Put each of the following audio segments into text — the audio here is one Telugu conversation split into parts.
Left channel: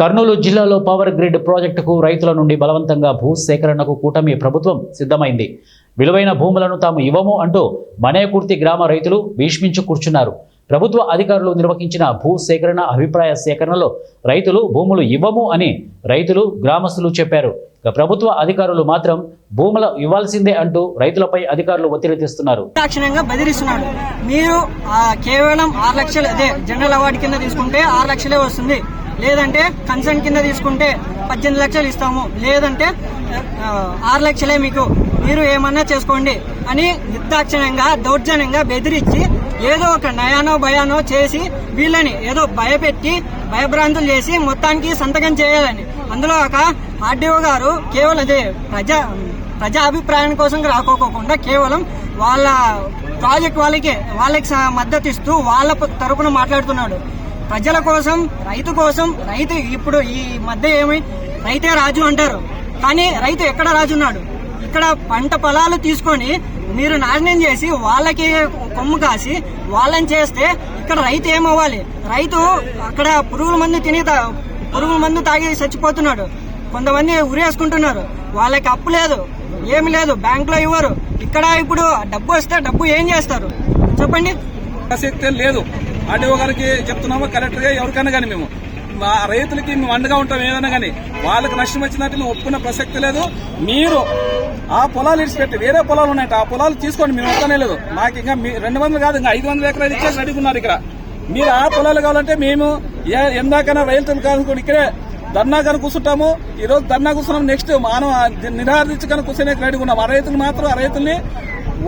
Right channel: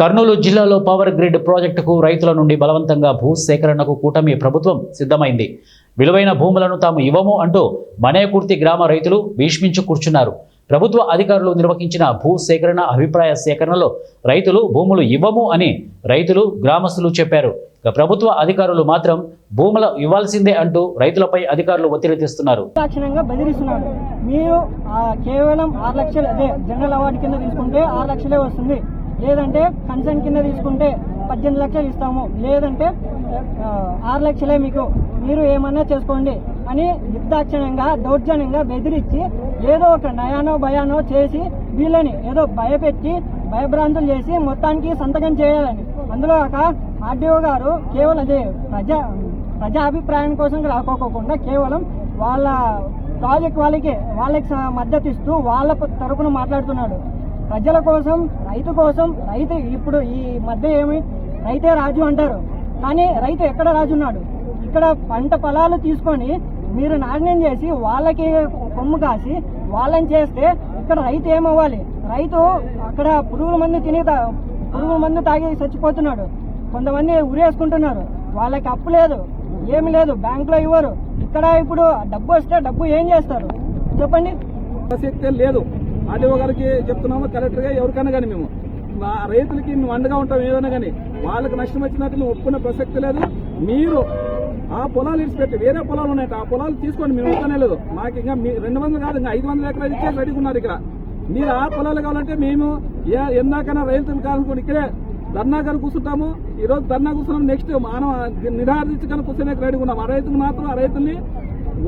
కర్నూలు జిల్లాలో పవర్ గ్రిడ్ ప్రాజెక్టుకు రైతుల నుండి బలవంతంగా భూ సేకరణకు కూటమి ప్రభుత్వం సిద్ధమైంది. విలువైన భూములను తాము ఇవ్వము అంటూ మనేకుర్తి గ్రామ రైతులు భీష్మించు కూర్చున్నారు. ప్రభుత్వ అధికారులు నిర్వహించిన భూ సేకరణ అభిప్రాయ సేకరణలో రైతులు భూములు ఇవ్వము అని రైతులు గ్రామస్తులు చెప్పారు. ప్రభుత్వ అధికారులు మాత్రం భూములు ఇవ్వాల్సిందే అంటూ రైతులపై అధికారులు ఒత్తిడి తెస్తున్నారు. మీరు కేవలం 6 లక్షలు అదే జనరల్ అవార్డు కింద తీసుకుంటే 6 లక్షలే వస్తుంది, లేదంటే కన్సర్న్ కింద తీసుకుంటే 18 లక్షలు ఇస్తాము, లేదంటే 6 లక్షలే మీకు, మీరు ఏమన్నా చేసుకోండి అని నిర్దాక్షిణ్యంగా దౌర్జన్యంగా బెదిరించి ఏదో ఒక నయానో భయానో చేసి వీళ్ళని ఏదో భయపెట్టి భయభ్రాంతులు చేసి మొత్తానికి సంతకం చేయాలని. అందులో ఒక ఆర్డీఓ గారు కేవలం అదే ప్రజా అభిప్రాయం కోసం రాకోకుండా కేవలం వాళ్ళ ప్రాజెక్ట్ వాళ్ళకి మద్దతు ఇస్తూ వాళ్ళ తరపున మాట్లాడుతున్నాడు. ప్రజల కోసం, రైతు ఇప్పుడు ఈ మధ్య రైతే రాజు అంటారు, కానీ రైతు ఎక్కడ రాజు ఉన్నాడు? ఇక్కడ పంట పొలాలు తీసుకొని మీరు నాశనం చేసి వాళ్ళకి కొమ్ము కాసి వాళ్ళని చేస్తే ఇక్కడ రైతు ఏమవ్వాలి? రైతు అక్కడ పురుగుల మందు తాగి చచ్చిపోతున్నాడు. కొంతమంది ఉరేసుకుంటున్నారు. వాళ్ళకి అప్పు లేదు, ఏమి లేదు, బ్యాంకులో ఇవ్వరు. ఇక్కడ ఇప్పుడు డబ్బు వస్తే డబ్బు ఏం చేస్తారు చెప్పండి? ప్రసక్తే లేదు. ఆర్డీఓ గారికి చెప్తున్నాము, కలెక్టర్ గా ఎవరికైనా కానీ మేము రైతులకి మేము అండగా ఉంటాం. ఏదైనా కానీ వాళ్ళకి నష్టం వచ్చినట్టు ఒప్పుకున్న ప్రసక్తి లేదు. మీరు ఆ పొలాలు ఇడిచిపెట్టి వేరే పొలాలు ఉన్నాయట, ఆ పొలాలు తీసుకోండి, మేము వస్తానే లేదు. నాకు ఇంకా 200 కాదు, ఇంకా 500 ఎకరాలు ఇచ్చేసి రెడీగా ఉన్నారు. ఇక్కడ మీరు ఆ పొలాలు కావాలంటే మేము ఎందాకైనా రైతులు కానుకోండి, ఇక్కడే ధర్నా కానీ కూర్చుంటాము. ఈ రోజు ధర్నా కూర్చున్నాం, నెక్స్ట్ మనం నిరాదరించుకొని కూర్చొని రెడీగా ఉన్నాం. ఆ రైతులు మాత్రం ఆ రైతుల్ని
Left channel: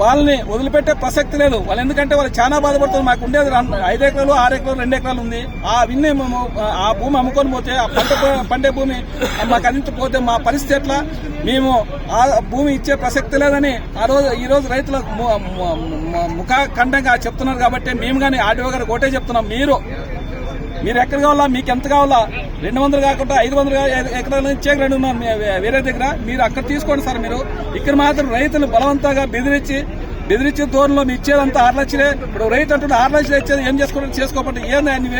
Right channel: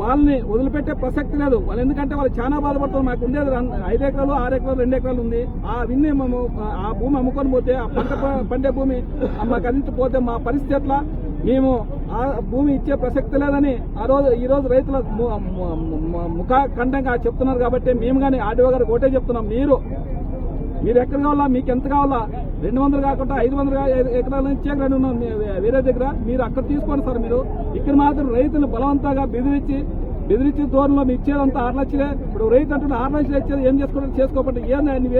వాళ్ళని వదిలిపెట్టే ప్రసక్తి లేదు. వాళ్ళు ఎందుకంటే వాళ్ళు చాలా బాధపడుతుంది. మాకు ఉండేది 5 ఎకరాలు, 6 ఎకరాలు, 2 ఎకరాలు ఉంది. ఆ విన్ని మేము ఆ భూమి అమ్ముకొని పోతే, ఆ పండే భూమి మాకు అందించిపోతే మా పరిస్థితి ఎట్లా? మేము ఆ భూమి ఇచ్చే ప్రసక్తి లేదని ఈ రోజు రైతుల ముఖఖండంగా చెప్తున్నారు. కాబట్టి మేము కానీ ఆర్డీఓ గారికి ఒకటే చెప్తున్నాం, మీరు ఎక్కడ కావాలా, మీకు ఎంత కావాలా, 200 కాకుండా 500 ఎకరాలు ఇచ్చే రెడీ ఉన్నాం వేరే దగ్గర. మీరు అక్కడ తీసుకోండి సార్. మీరు ఇక్కడ మాత్రం రైతులు బలవంతంగా బెదిరించి దూరంలో మీ ఇచ్చేదంతా 6 లక్షలే. ఇప్పుడు రైతు అంటున్న 6 లక్షలు ఇచ్చేది ఏం చేసుకోకపోతే ఏంది?